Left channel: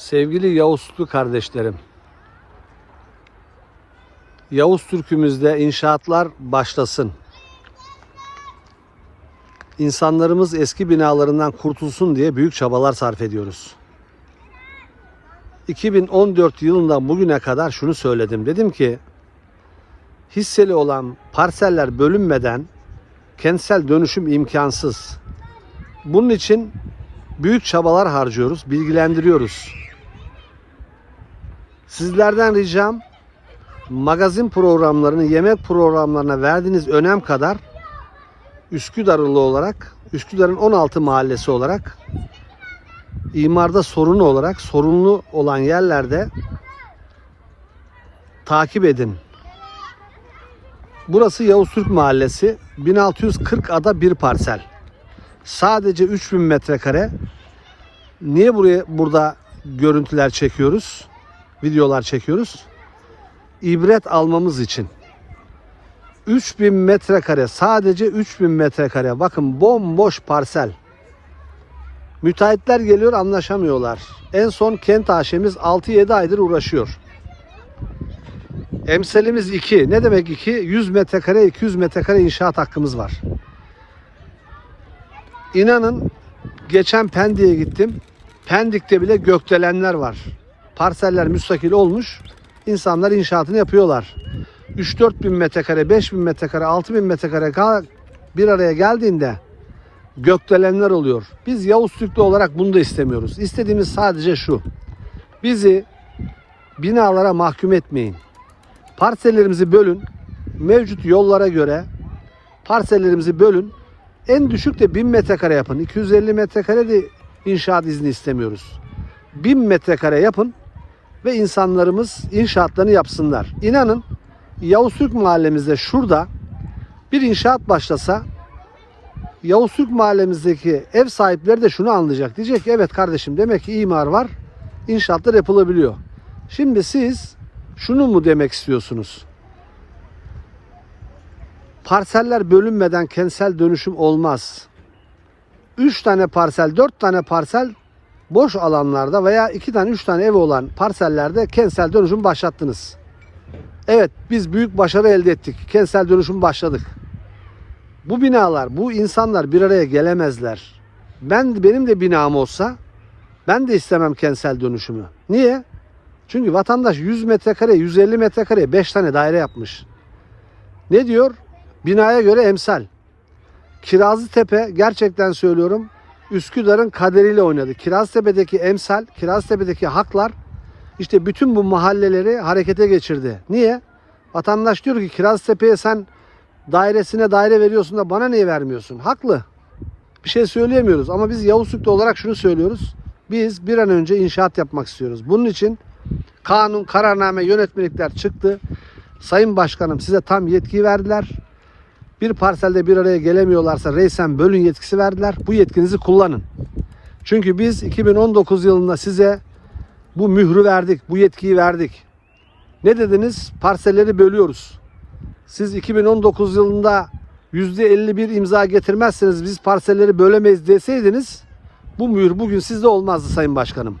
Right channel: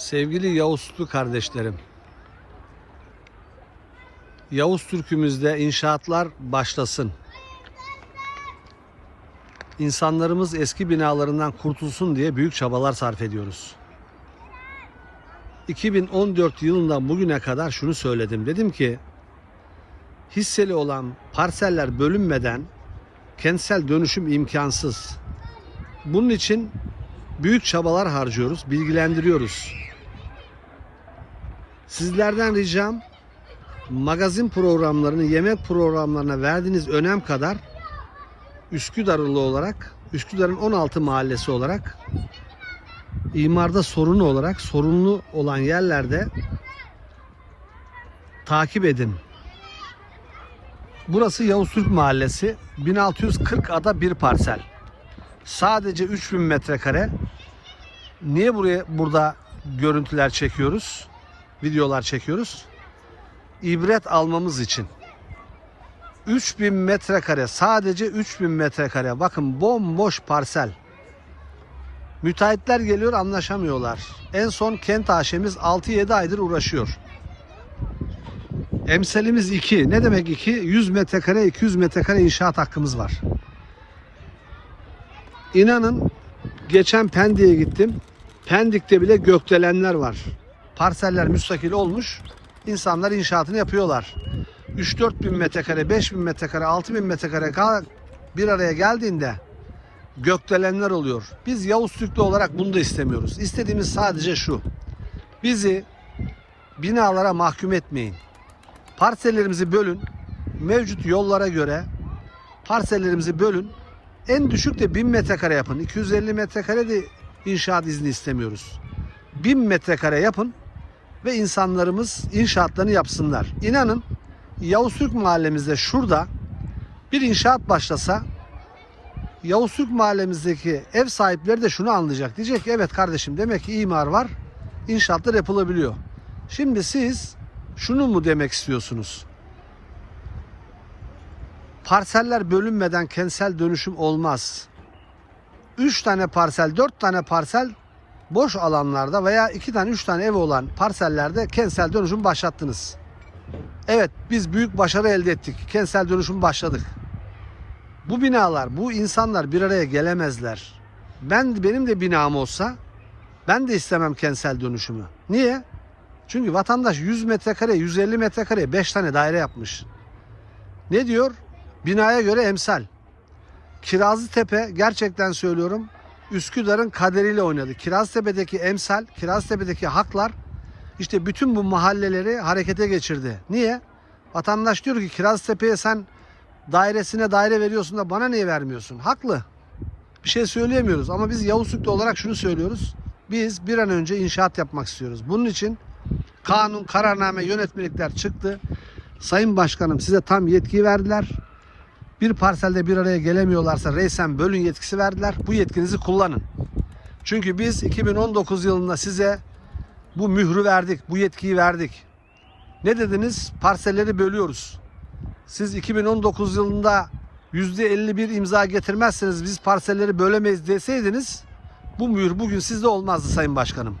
Sevgili Yavuz Türk'ü kardeşlerim. Yavuz Türk'ümüzde inşaatlar başlasın. İnsanlarımız eski binalarından kurtulsun diye büyük çabalar sarf ediyoruz. 2014 yılından bugüne kadar şunu söyledim. Dedim ki hisseli olan parseller bölünmeden kentsel dönüşüm imkansız. Bunun için büyük çabalar harcıyoruz, bilgilendiriyoruz. Sizlerden ricam magazin programlarını, yemek programlarına verdiğiniz önem kadar Üsküdarlı olarak, Üsküdar'ın 16 mahallesi olarak imarda sorunu olarak sorunlu olan yerlerde takip edin. Burası Yavuz Türk Mahallesi. 1640 ada bir parsel. Sadece 3000 metrekare. Niye buraya burada görüntüler çekiyoruz? Videolar çekiyoruz. İbret almamız için. 3000 metrekare sadece 3000 metrekare. Bakın bomboş parsel. Müteahhitler geliyor anlaşamıyorlar. En son kent aşemiz 6-7 aydır uğraşıyor. Emselimiz 2. Ne demek 2? 100 metrekare 200 metrekare inşaat hakkımız var. İnanın geçen Pendik'e gittim. Pendik'te bile gökdelenler var. Parseller müstakil olmuş. İnsanlar inşaatını yapıyorlar. 3-4 bin metrekare, 5 bin metrekare, 6 bin metrekare bir araya geldiğinde gökdelenler oluyor. Biz Yavuz Türk'lü olarak bunu da istemiyoruz. İstediğimiz sadece şu. Bizi binalara mahkum etmeyin. Parsellerimizi bölün. Mevcut yollara göre parsellerimizi bölün. En düşük de 1000 metrekare yapın. 250 metrekare de inşaat izni istemiyoruz. 1000 metrekare yapın ve insanlarımız inşaatlarını yapsınlar. İnanın Yavuz Türk mahallemizde şurada bir inşaat başlasa Yavuz Türk mahallemizdeki ev sahipleri de şunu anlayacak. Diyecek ki evet kardeşim demek ki imar var. İnşaatlar yapılabiliyor. Şimdi siz şunu mu demek istiyorsunuz? Parseller bölünmeden kentsel dönüşüm olmaz. 3 tane parsel, 4 tane parsel boş alanlarda veya 2 tane 3 tane ev olan parsellerde kentsel dönüşüm başlattınız. Evet biz büyük başarı elde ettik. Kentsel dönüşüm başladık. Bu binalar, bu insanlar bir araya gelemezler. Ben benim de binam olsa ben de istemem kentsel dönüşümü. Niye? Çünkü vatandaş 100 metrekare, 150 metrekare 5 tane daire yapmış. Ne diyor? Binaya göre emsal. Kirazlıtepe gerçekten söylüyorum Üsküdar'ın kaderiyle oynadı. Kirazlıtepe'deki emsal, Kirazlıtepe'deki haklar işte bütün bu mahalleleri harekete geçirdi. Niye? Vatandaş diyor ki Kirazlıtepe'ye sen dairesine daire veriyorsun da bana niye vermiyorsun? Haklı. Bir şey söyleyemiyoruz ama biz Yavuz Türk'te olarak şunu söylüyoruz. Biz bir an önce inşaat yapmak istiyoruz. Bunun için kanun, kararname, yönetmelikler çıktı. Sayın Başkanım size tam yetki verdiler. Bir parselde bir araya gelemiyorlarsa reysen bölün yetkisi verdiler. Bu yetkinizi kullanın. Çünkü biz 2019 yılında size bu mührü verdik, bu yetkiyi verdik. Ne dediniz? Parselleri bölüyoruz. Siz 2019 yılında %51 imza getirmezseniz biz parselleri bölemeyiz deseydiniz bu mühür bugün sizde olmazdı Sayın Başkanım.